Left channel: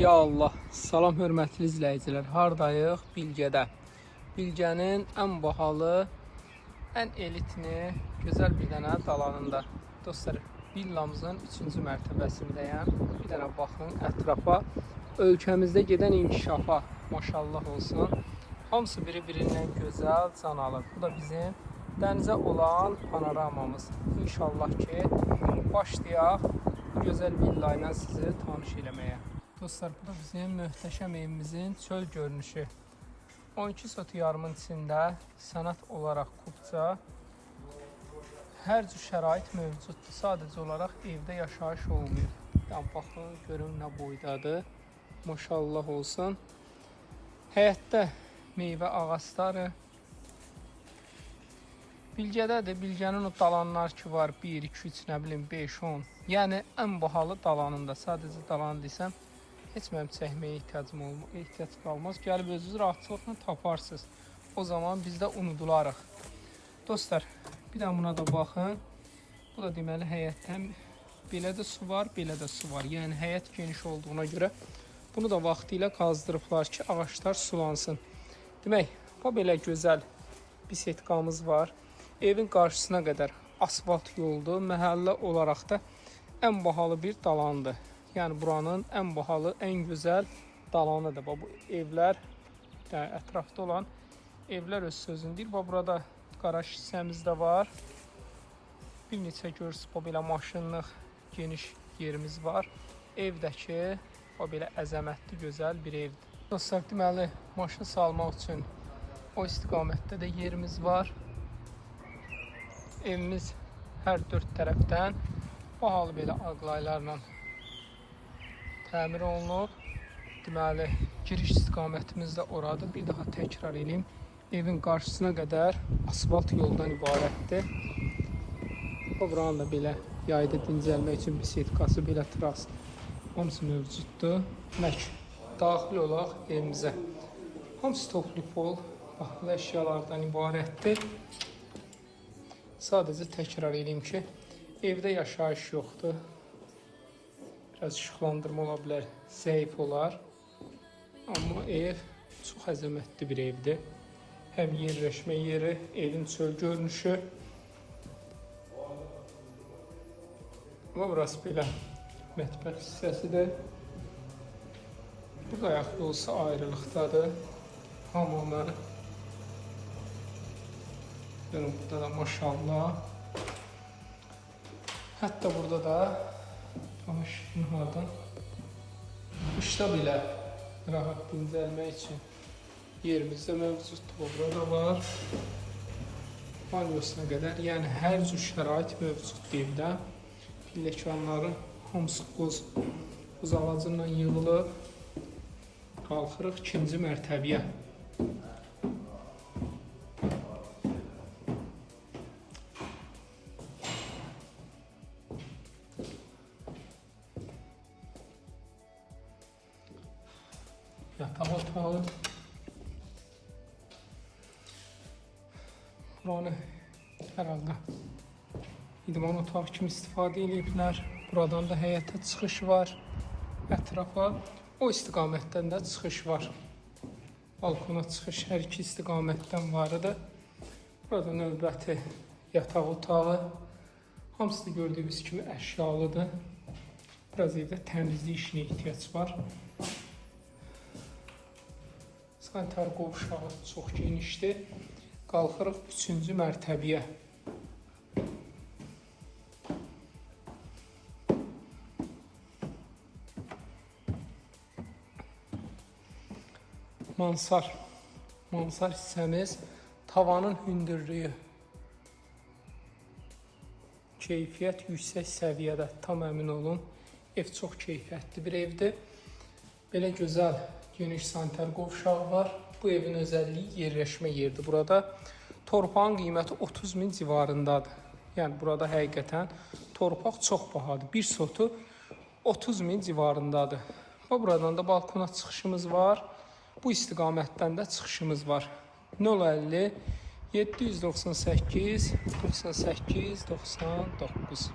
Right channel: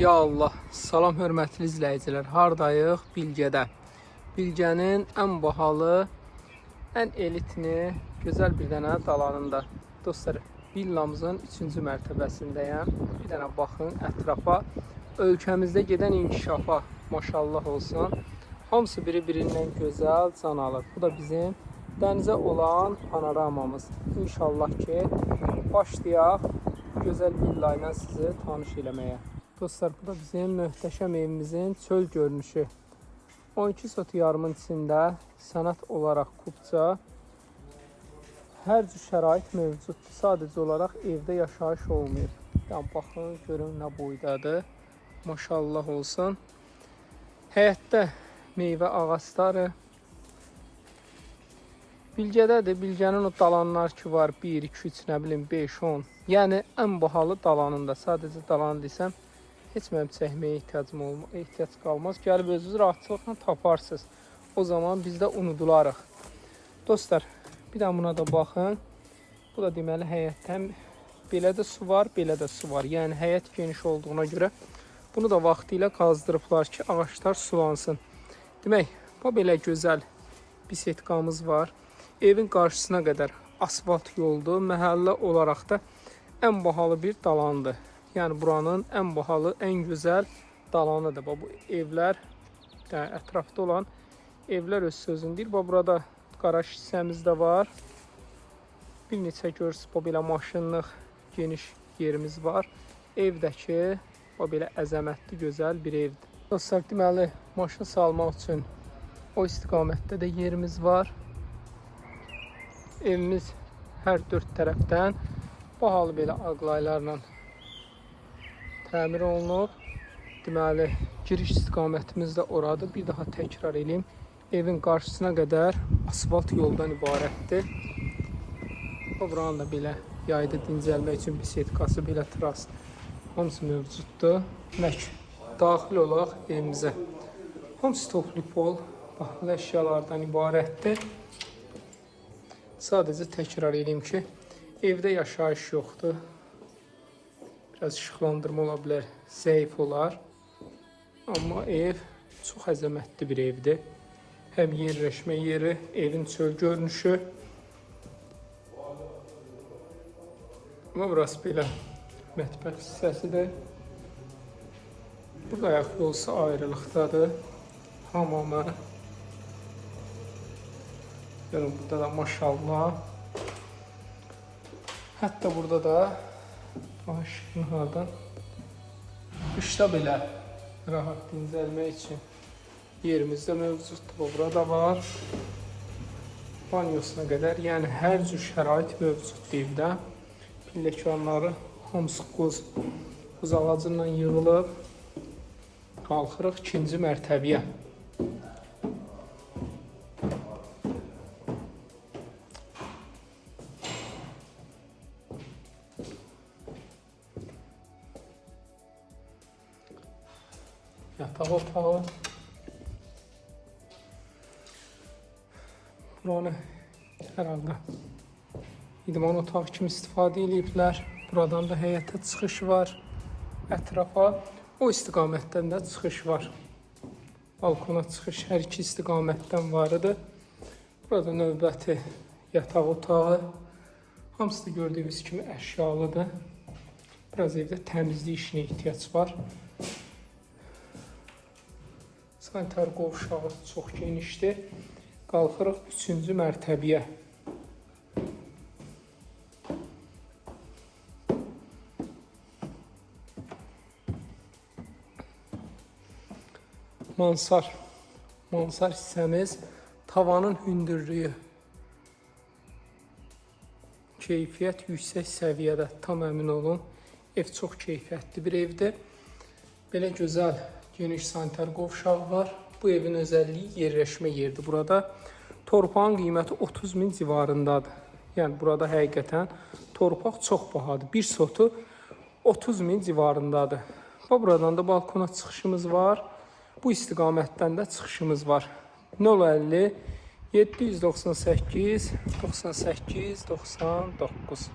Ya Allah, salam hörmətli izləyicilər. Hardayıq? Bilgədə. Bilgənin ən bahalı, ən elitini, gözəl bir dənə dalanında. Dostlar, villamızın 3-cü mərtəbəsindəyəm. Bir dənə baxın ətrafa. Ölkəmizdə gedən inkişafa maşallah olsun. Hamısı biri-birindən gözəl, can alır. Bu da bizim dənizə olan panoramamız. İnşallah ki, başlayaq gözəl villa ilə sizi tanış eləməyə. Dostlar, bu da bizim möhtəşəm evimizin çöl görünüşü. 12 sot yarımın içində sənət olaraq qubca hər cür şərait mövcuddur. Sadəcə olaraq evdə yaşayış olmuyor. Yəni, baxın, görün nə boydadır. Maşallah olsun. Həyətdə meyvə ağacları. Bilgədədir. Bilgənin o dalanlar ki var. 1, 2, 3, nə bilim, 5, 10. Yəni, ən bahalı dalanında. Sadəcə dalan desəm, heç mənim çəkməyə ehtiyac qalmaz. Gəlib özünüz rahatlıqla taparsınız. O zaman biz də unudularıq. Dostlar, bir də buna da baxın. Bu da deməli həyətdən belə də su var, belə də su var. Yəni həyət geniş olduğuna görə bunu da vaxtı ilə qazdırıblar ki, ağaçlar sulansın. Demək, bu belə gözəl bisetkamız var. Evin qarşısına qədər asfalt yoldur. Məhəllə olaraq da ən bahalı bir dalandır. Yəni buranın ən bahalı, ən gözəl dalanıdır. Bu evlər, yəni ətrafda olan evlər öz sözünü deyir. Burada qaraj hissəmiz də var. Bir neçə görürsünüz, bu belə maşınlıq geniş yerimiz var. Evdəki bu belə əzəmətli, gözəl bir evdir. Dostlar, deməli, maşın salmaq üçün o istiqamətdə də yerimiz var. Evimiz hər dörd tərəfdən bahalı belə aqlaylarla təmir olunub. Deməli, giriş istiqamətimiz də oradır. Bir daha təkrar edeyim. Evin qarşısına qədər asfalt yoldan ibarətdir. Buranın da belə yayda dincəlmək üçün bisetkası, belə tras hamısı mövcuddur. Daxil olaq evimizə. Hamısı toplu pol, bahalı əşyalardan ibarətdir. Sadəcə təkrar edeyim ki, evdə yaşayış yoxdur. Biraz işıqlandırma ola bilər, zəif olar. Amma ev çox əzəmətli bir evdir. Həm yerləşmə yeri, evin çöl görünüşü. Burası belə mətbəx hissəsidir. Burada ayaq yolusu ayrılıqdadır. Hamamı. Burada da maşallah. Hətta burada da qışda belə rahat dincəlmək üçün yerimizdə mövcuddur. Burada var. Banyosuna qədər, yəni hər cür şərait mövcuddur evdə. Pilləkənləri hamısı qoz ağacından yığılıb. Qalxırıq 2-ci mərtəbəyə. Yataq otağı. Buranı herhalde idman otağı kimi istifadə ediblər. Buradan da həyətə çıxış var. Ətrafa o istiqamətdən də çıxış var. Balkona çıxış hər iki istiqamətdən var idi. Burada növbəti yataq otağı. Hamısı da gördüyümüz kimi əşyalıdır. Biraz evdə təmizlik işinə ehtiyac var. Sanitar qovşağı çox genişdir. Qalxırıq 3-cü mərtəbəyə. Mansar hissəmiz tavanın hündürlüyü. Keyfiyyət yüksək səviyyədə, tam əmin olun. Ev çox keyfiyyətli bir evdir. Belə gözəl geniş sanitar qovşağı var. Bu evin özəlliyi yerləşmə yeridir. Burada torpağın qiyməti 30.000 civarındadır. Yəni burada həqiqətən torpaq çox bahadır. Bir sotu 30.000 civarındadır. Buradan da balkona çıxışımız var. Bu istiqamətdən də çıxışımız var. 050 798 98 99